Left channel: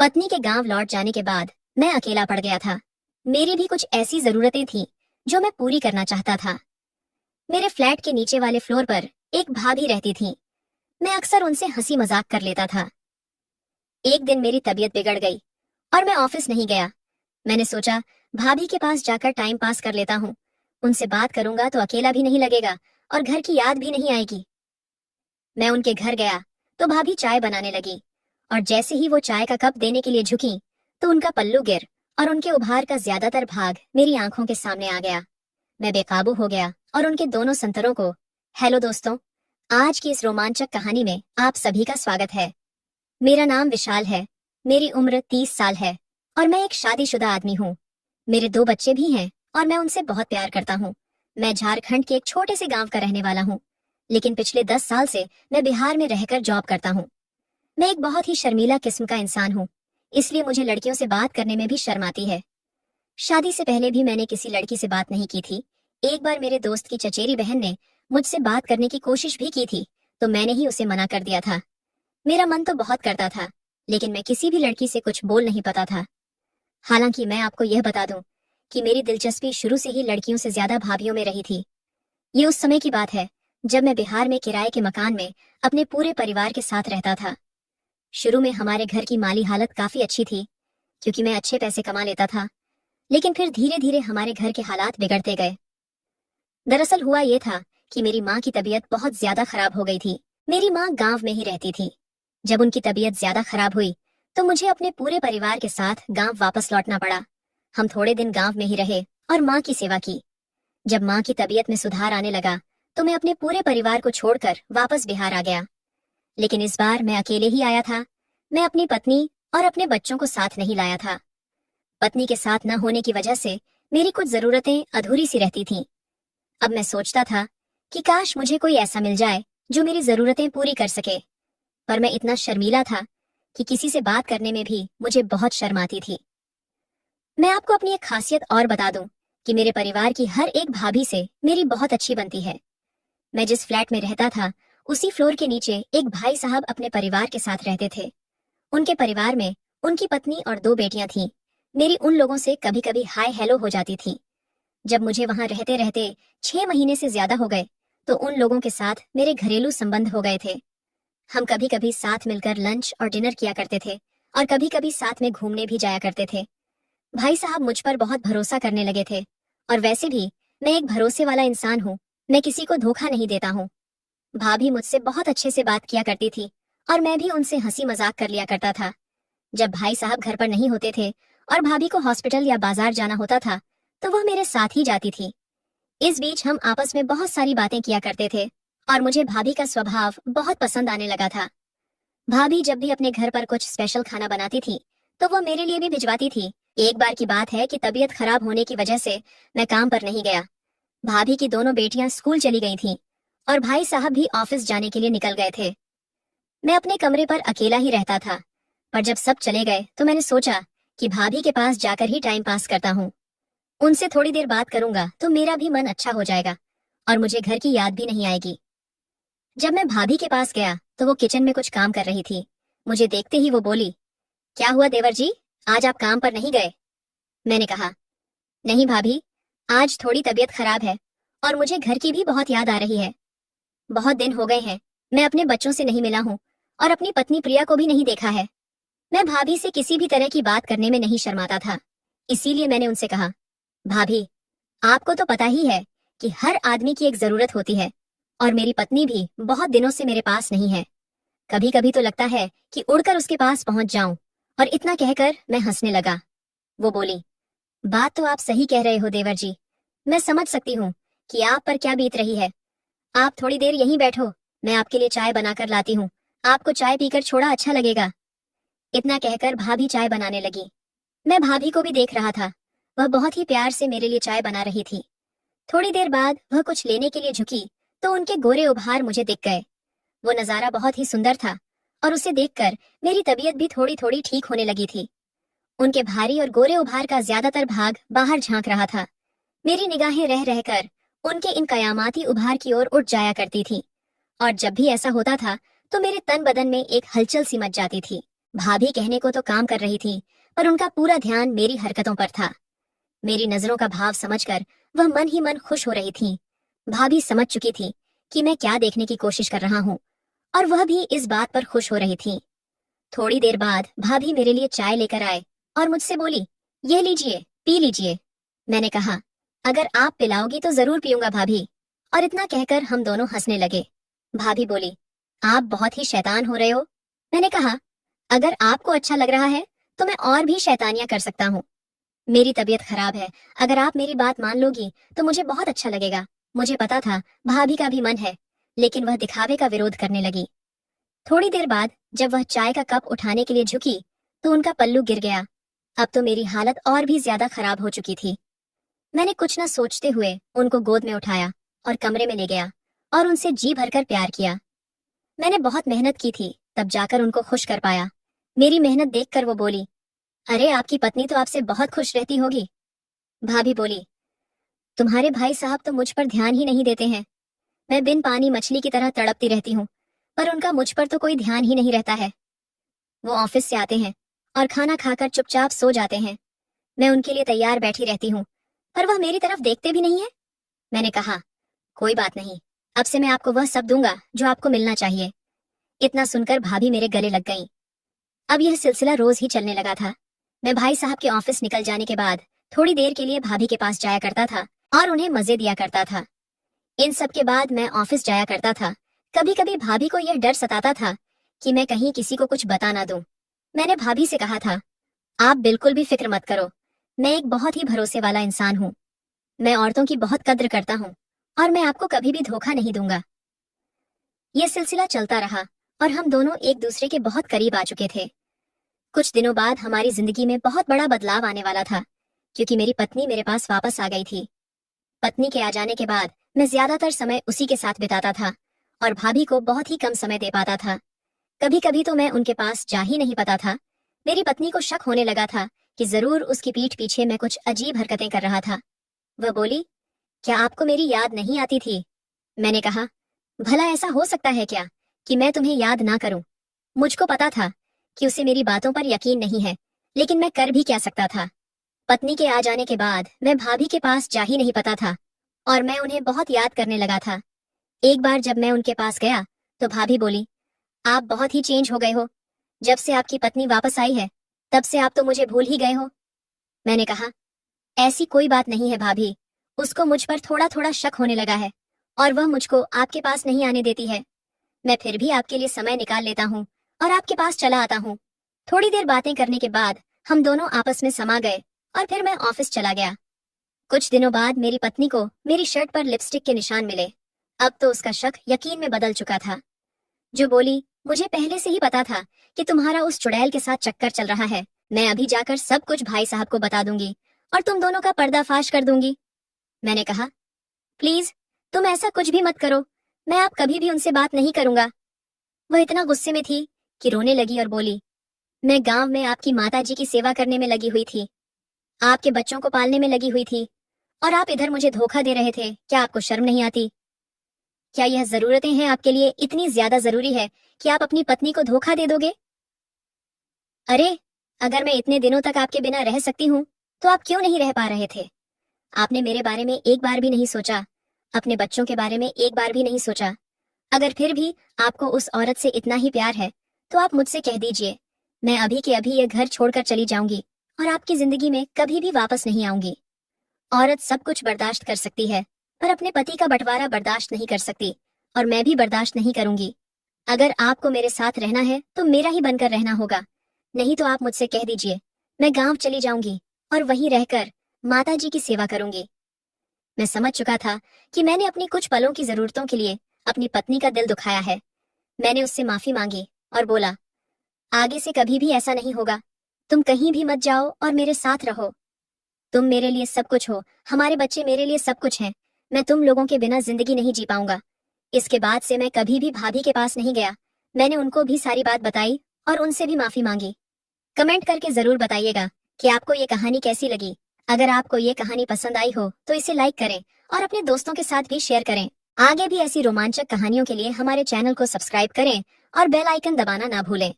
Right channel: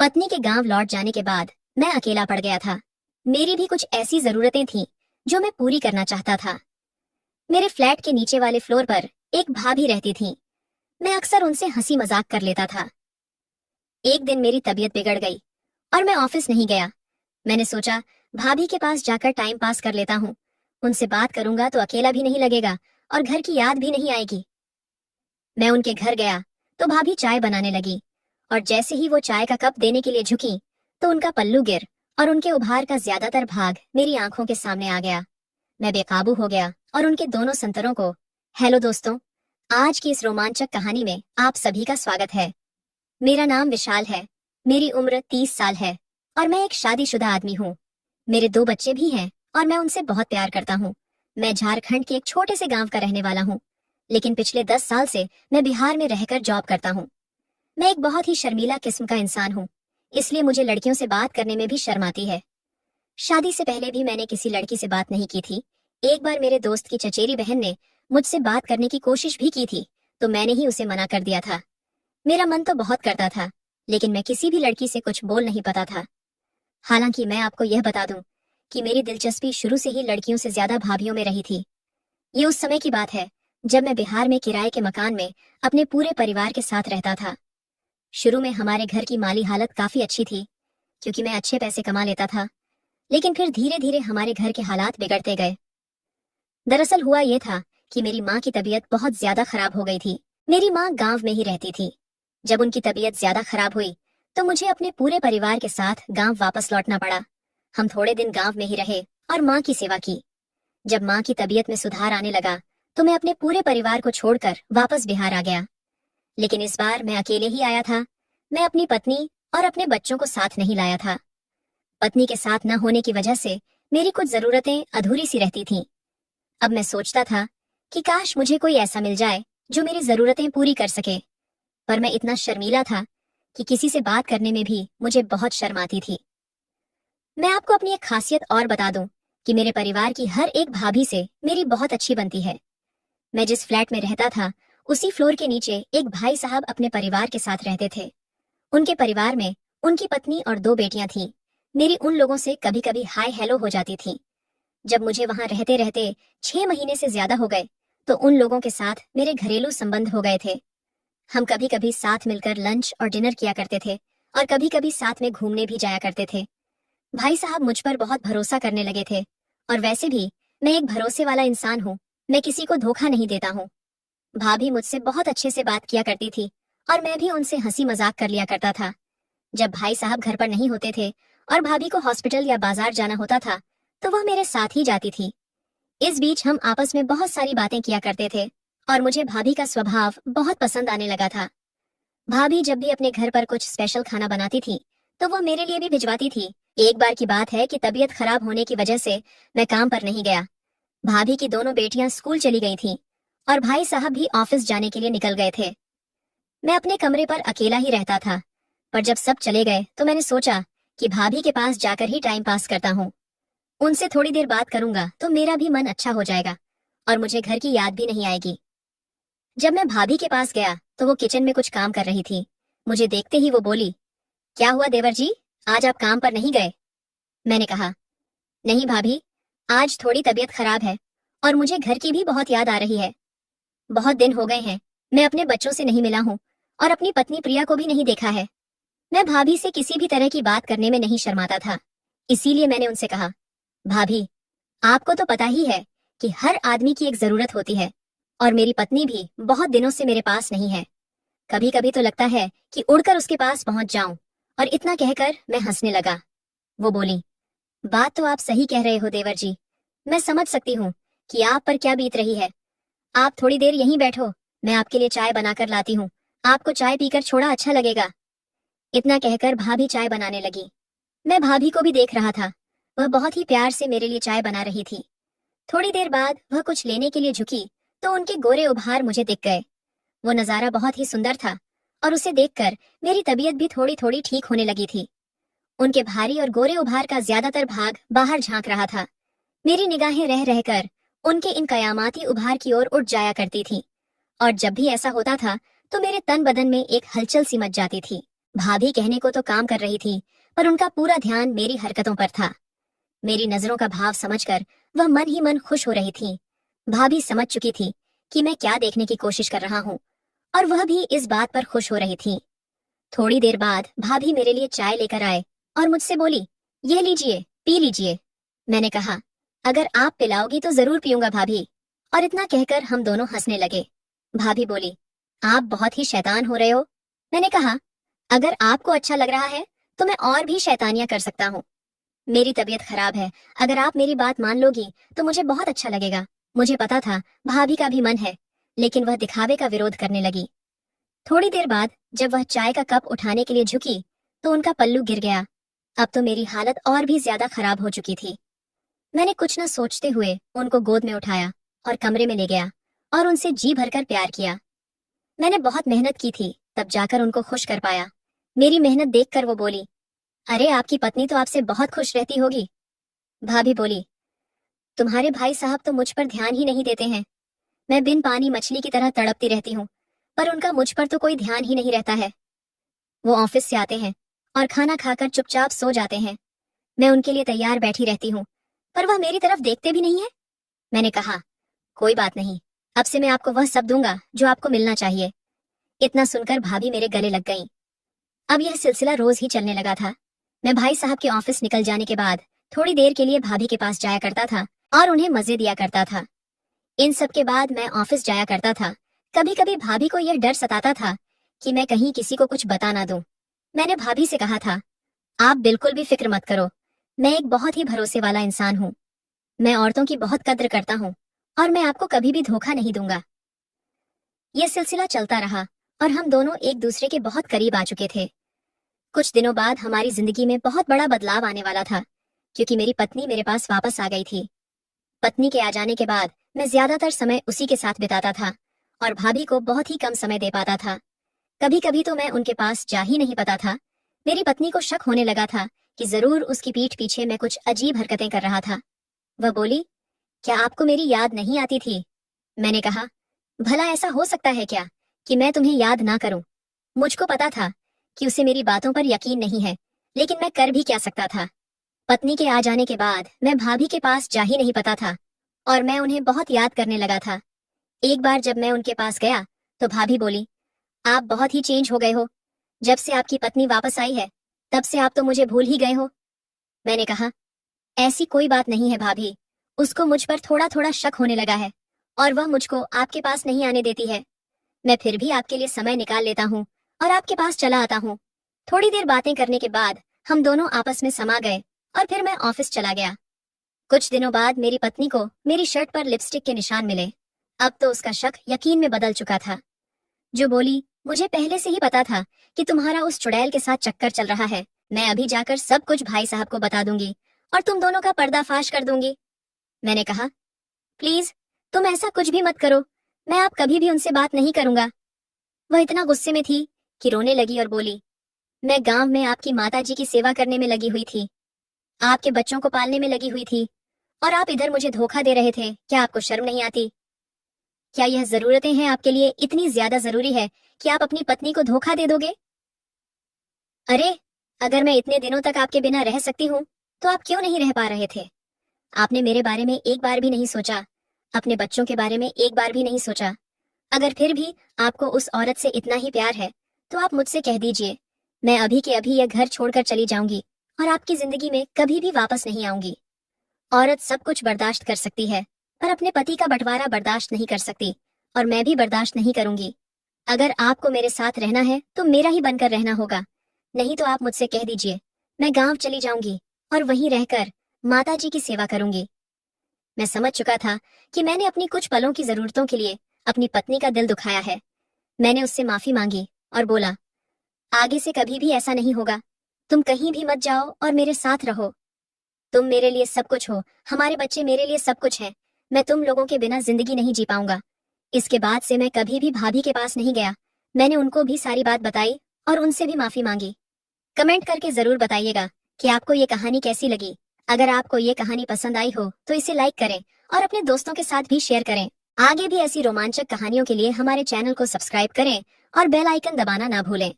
पत्नी के गांव लौट जाने के बाद मैं अकेला पड़ गया था। मेरी भी कुछ ऐसी जरूरतें थीं जो मैं पूरी करना चाहता था। मेरे फ्लैट के नीचे वाले फ्लोर पर एक भाभी रहती थीं। मैं अक्सर उनसे हंसी मजाक कर लेता था। एक दिन मेरी तबीयत बिगड़ गई और मैं ऑफिस नहीं गया। मैंने सोचा भाभी के पास जाकर टाइम पास कर लेता हूँ। उनसे बात करूंगा तो अकेला भी नहीं लगेगा और घर की याद भी नहीं आएगी। मैं उनके घर गया तो भाभी चाय बनाने लगी और जैसे ही वो चाय का कप देने के लिए झुकी तो उनका पल्लू गिर और उनके उभार का ज्यादातर भाग मेरी आंखों के सामने आ गया। मैं बेकाबू हो गया और उनके दोनों संतरों को। हेलो दोस्तों, आज की इस रोमांचक कहानी में आप सभी का स्वागत है। मेरा नाम विशाल है। मेरी उम्र 30 साल है और मैं एक शादीशुदा आदमी हूँ। मेरे 2 बच्चे भी हैं और मैं उनसे बहुत प्यार करता हूँ। मैं झारखंड के एक छोटे से गांव का रहने वाला हूँ, लेकिन पिछले 10 साल से मैं बिहार में रहकर जॉब करता हूँ। मैं एक बहुत ही शर्मीला किस्म का इंसान हूँ, इसलिए मुझे लड़कियों से बात करने में भी शर्म आती है। शादी से पहले भी मैंने किसी लड़की से बात नहीं की थी। एक बार मेरे दोस्त की चचेरी बहन ने मुझसे बात करने की कोशिश भी की थी, तो मैंने ही उसे मना कर दिया था। मेरा मन तो बहुत करता था, लेकिन मैं किसी भी लड़की से कुछ बोल नहीं पाता था। हालांकि मैं आपको यह बता दूं कि मेरी दिलचस्पी शुरू से ही लड़कियों से ज्यादा भाभीयों में रही थी। ये उस समय की बात है जब मैं बिहार में किराए के मकान में अपने पूरे परिवार के साथ रहता था। शुरू में हमारे घर की माली हालत काफी अच्छी थी, क्योंकि मैं अच्छे पैसे कमा लेता था। लेकिन फिर धीरे धीरे हमारे घर के हालात बिगड़ते गए। दरअसल हुआ ये था कि मेरी माँ की तबीयत बहुत ज्यादा खराब हो गई थी। मेरी माँ गांव में ही रहती थी। जब उनकी तबीयत ज्यादा खराब हुई तो मुझे अपने पूरे परिवार के साथ गांव वापस लौटना पड़ा। हम थोड़े दिन गांव में ही रहे और माँ की सेवा की। जब माँ की तबीयत में सुधार आने लगा तो मैं अपने पूरे परिवार को छोड़कर वापस बिहार आ गया। लेकिन इस बार मैं अकेले ही आया था। मैं अपनी पत्नी और अपने बच्चों को साथ नहीं लाया था। पत्नी के साथ न होने की वजह से मेरी कुछ जरूरतें अधूरी सी रहती थीं। अब मैं सोचता था कि काश मुझे कोई ऐसा मिल जाए जो मेरी जरूरतें पूरी कर सके, पर मैं इतना शर्मीला था कि किसी से बात करने में भी मुझे बहुत शर्म आती थी। मैं आपको अपनी एक खासियत और बता दूं कि मेरे परिवार की हर एक भाभी से मेरी बहुत अच्छी बनती है। मैं जिस फ्लैट में रहता था उसी फ्लोर के नीचे एक भाई साहब अपने परिवार के साथ रहते थे। उनके परिवार में उनकी पत्नी और 2 बेटियां थीं। मेरी उन लोगों से कभी कभी हाय हेलो हो जाती थी। जब मुझे वहां रहते रहते 6 महीने से ज्यादा हो गए तो उन लोगों के साथ मेरे घरेलू संबंध हो गए थे। हम कभी कभी साथ मिलकर लंच और डिनर किया करते थे और कभी कभी साथ में घूमने भी जाया करते थे। भाई साहब मुझ पर बहुत भरोसा करने लगे थे और वैसे भी मैं एक भरोसे वाला इंसान हूँ। मैं किसी को धोखा नहीं देता हूँ। भाभी मुझसे बहुत अच्छे से बात किया करती थी और मैं भी उनसे हंसी मजाक कर लिया करता था। जब भाई साहब घर पर नहीं होते थे और भाभी को हॉस्पिटल या बाजार जाना होता था तो वह मेरे साथ ही जाती थी। इस बीच हम आपस में बहुत सारी बातें किया करते थे और मुझे भाभी का स्वभाव बहुत पसंद आने लगा था। भाभी जब भी अपने घर पर कुछ स्पेशल खाना बनाती थी तो वो मेरे लिए भी भिजवाती थी। एक बार की बात है कि तबीयत खराब होने की वजह से मैं काम पर नहीं गया। भाभी की दोनों बेटियां स्कूल चली गई थीं और भाई साहब भी ऑफिस जाने के लिए निकल गए थे। मैं अपने कमरे पर अकेला ही रहता था, पर जब सब चले गए तो मैंने सोचा कि भाभी के पास जाकर ही टाइम पास करता हूँ। उनसे थोड़ी देर बात करूंगा तो मेरा भी मन अच्छा हो जाएगा और मुझे घर की याद भी नहीं आएगी। जब मैं भाभी के पास गया तो वो किचन में कुछ काम कर रही थी। मुझे देखते ही वो बोली, क्या हुआ देवर जी, आज आप काम पर नहीं गए? मैंने कहा, नहीं भाभी, आज थोड़ी तबीयत खराब है और मुझे घर की भी बहुत याद आ रही है। बहुत दिन हो गए हैं, मैं अपने बच्चों से नहीं मिला हूँ और अपनी पत्नी प्रिया को भी नहीं देखा है। मैं भाभी से किसी भी तरह की बात करने में नहीं शर्माता था, इसीलिए मैंने उनसे कहा, भाभी, आपको तो पता ही है कि हर आदमी की एक जरूरत होती है और मेरी पत्नी भी बहुत दिनों से मेरे पास नहीं है। कभी कभी तो लगता है कि उड़कर उसके पास पहुंच जाऊं। और इतना कहकर मैं हंसने लगा। वो बोली, बात तो आप सही कह रहे हो देवर जी, मैं समझ सकती हूँ कि आप पर क्या बीत रही है। आप थोड़ी देर यहीं बैठो, मैं आपके लिए चाय बनाकर लाती हूँ। आपको चाय पीकर छोड़ा अच्छा लगेगा। इतना कहकर भाभी चाय बनाने लगी। मैं भाभी को भी देख रहा था, वह बहुत ही प्यार से मेरे लिए चाय बना रही थी। थोड़ी देर बाद वह कुछ लेने के लिए झुकी तो उनके गोरे उभार मुझे दिख गए। वो नजारा बहुत ही सुंदर था और उसे देखकर मेरी तबीयत भी थोड़ी थोड़ी ठीक होने लगी थी। उनके भारी और गोरे उभार का ज्यादातर भाग बाहर झांक रहा था। मेरी निगाहें रह रहकर उनके इन कयामाती उभार की ओर उठ जाया करती थी और जब भी ऐसा होता था तो मेरे तन बदन में एक हलचल सी मच जाती थी। भाभी कहने को तो काम कर रही थी, पर उनका पूरा ध्यान मेरी हरकतों पर था। मेरी नजरों का भाव समझकर वह मन ही मन खुश हो रही थी। भाभी समझ चुकी थी कि मैं क्या देखने की कोशिश कर रहा हूँ, और वह भी इस बात पर खुश हो रही थी। थोड़ी देर बाद भाभी मेरे लिए चाय लेकर आए और मुझसे बोली, यह लीजिए, पी लीजिए। मैंने कहा, अगर आप पिलाओगी तो जरूर पीऊंगा भाभी। और इतना कहकर हम दोनों हंसने लगे। भाभी बोली, आप बहुत ही शैतान हो रहे हो। मैंने कहा, अगर आपको अच्छा लग रहा है तो मैं और भी शैतानियां कर सकता हूँ। मेरी तबीयत खराब है, अगर आप मेरी बात मान लोगी तो मुझे बहुत अच्छा लगेगा। मुझे पता था भाभी का भी मन है, लेकिन वह दिखावे का विरोध करने लगी। थोड़ी देर बाद जब वह चाय का कप उठाने के लिए झुकी तो उनका पल्लू गिर गया। अब तो मेरी हालत और भी ज्यादा खराब हो चुकी थी। मैंने कुछ न सोचते हुए उनको गोद में उठाया और कमरे में ले गया और उनसे जी भरकर प्यार किया। मैंने बहुत मेहनत की थी, तब जाकर उनको खुश कर पाया। मेरी मेहनत देखकर वो बोली, अरे आपकी पत्नी तो आपसे बहुत खुश रहती होगी। भाभी बोली, तुम्हारे भाई साहब तो मुझ पर ध्यान ही नहीं देते हैं। मैं बिन पानी मछली की तरह तड़पती रहती हूँ, पर उनका मुझ पर तो कोई ध्यान ही नहीं रहता है। वो ऑफिस से आते हैं और खाना खाकर चुपचाप सो जाते हैं। मैं उनके लिए तैयार बैठी रहती हूँ, पर वह मेरी तरफ देखते भी नहीं है। मैंने कहा, कोई बात नहीं, अब से मैं आपको वह सब दूंगा जो आपको मिलना चाहिए। इतना सुनकर भाभी मेरे गले लग गई। अब यह सिलसिला रोज ही चलने लगा था। मैं भाई साहब के ऑफिस निकल जाने के बाद थोड़ी देर के लिए भाभी के पास जाया करता था और उन्हें मजे दिया करता था। इन सब के बाद मैं ऑफिस जाया करता था। कभी कभी भाभी को यह डर सताता था कि मैं कहीं किसी को कुछ बता ना दूं। मैंने भाभी से कहा था, आप बिल्कुल भी फिक्र मत करो, मैं एक बहुत ही भरोसे वाला इंसान हूँ। मैं औरतों की बहुत कद्र करता हूँ और मैं आपको कभी भी धोखा नहीं दूंगा। यह सिलसिला चलता रहा और हम दोनों एक दूसरे के बहुत करीब आ चुके थे। कुछ दिनों बाद हमारी जिंदगी में बहुत बड़ा बदलाव आने वाला था, क्योंकि मेरी पत्नी मेरे पास वापस आ गई थी। पत्नी के आ जाने के बाद मैं ज्यादातर समय उसी के साथ बिताता था और भाभी को बहुत ही कम समय दे पाता था। कभी कभी तो मैं उनके पास जा ही नहीं पाता था। मेरी पत्नी को शक होने लगा था कि जरूर उसकी पीठ पीछे मैं कुछ अजीब हरकतें कर रहा था। वह बोली, क्या आपको मेरी याद नहीं आती थी? मैंने कहा, भला ऐसा हो सकता है क्या कि मैं तुम्हें याद ना करूं? मुझको पता था कि उसे मेरी बातों पर यकीन नहीं है, लेकिन मैं कर भी क्या सकता था। पत्नी के आ जाने के बाद मैं भाभी के पास जा ही नहीं पाता था और मैं उन्हें बहुत याद करने लगा था। एक बार जब मैं उनके पास गया तो भाभी बोली, आप बहुत ही चेंज हो गए हो। जब से आपकी पत्नी वापस आई है तब से आप तो मुझे भूल ही गए हो। मैंने कहा, ऐसी कोई बात नहीं है भाभी, उसको मुझ पर थोड़ा थोड़ा शक होने लगा है और वह मुझको आपके पास नहीं आने देती है। मैं फिर भी आपके लिए समय निकाल लेता हूँ और आपके पास चला आता हूँ। थोड़ी देर बातें करने के बाद हम दोनों आपस में समा गए और फिर मैं ऑफिस चला गया। कुछ दिनों बाद मेरी पत्नी को मेरी शर्ट पर लिपस्टिक के निशान मिले। अब तो उसका शक यकीन में बदल चुका था। जो बोली, मुझे पहले से ही पता था कि तुम्हारा उस चुड़ैल के साथ चक्कर चल रहा है। मैं अभी जाकर सब कुछ भाई साहब को बता दूंगी और तुम दोनों का पर्दाफाश कर दूंगी। मैंने कहा, प्लीज तुम ऐसा कुछ भी मत करो, मैं अब कभी भी उनसे बात नहीं करूंगा। वह इतना गुस्से में थी कि रोने लगी और बोली, मैं गांव में आपकी माताजी की सेवा करने में लगी हुई थी, आपके बच्चों को पालने में लगी हुई थी, और आप इधर मुझे धोखा दे रहे थे। क्या आपको शर्म नहीं आती? क्या यह जरूरतें हैं आपके लिए इतनी ज्यादा जरूरी है कि आप अपनी पत्नी को धोखा दे दोगे? अरे, अगर मैं इतने दिनों तक आपके बिना रह सकती हूँ तो आप क्यों नहीं रह पा रहे थे? आपने मेरे बारे में एक बार भी नहीं सोचा, अपने बच्चों के बारे में एक बार भी नहीं सोचा। अगर फिर भी आपको उस औरत से इतना ही प्यार है तो आप मुझसे कह दीजिए, मैं अभी के अभी यह घर छोड़कर चली जाऊंगी और आपकी जिंदगी में कभी भी वापस नहीं आऊंगी। औरत सब कुछ बर्दाश्त कर सकती है, पर अपने पति का बंटवारा बर्दाश्त नहीं कर सकती, और मैं भी बर्दाश्त नहीं करूंगी। अगर आपको मेरे साथ रहना है तो मेरा ही बनकर रहना होगा, नहीं तो आप मुझसे कह दीजिए, मैं गांव चली जाऊंगी और वहीं रहकर माता जी की सेवा करूंगी। मैं समझ चुका था कि मैंने अपनी कुछ पलों की जरूरतों के लिए अपनी पत्नी का दिल दुखाया है। मैंने उससे माफी मांगी और बोला, आगे से कभी भी ऐसा नहीं होगा। तुम कहीं भी मत जाओ और मेरे साथ रहो। तुम मेरे लिए सब कुछ हो, हमारे बच्चे मेरे लिए सब कुछ हैं। मैं तुम लोगों के बिना जिंदगी नहीं जी पाऊंगा। इसके बाद से मैं कभी भी भाभी के पास नहीं गया। मैंने उनको भी सारी बात बताई और उनसे भी माफी मांगी। कमेंट करके जरूर बताइएगा कि आपको ये कहानी कैसी लगी। अगर आपको ये कहानी पसंद आई हो तो इसे लाइक करें और अपने दोस्तों के साथ भी शेयर करें। आगे भी ऐसी रोमांचक कहानियों के लिए हमारे चैनल को सब्सक्राइब करें और बेल आइकन दबाना ना भूलें।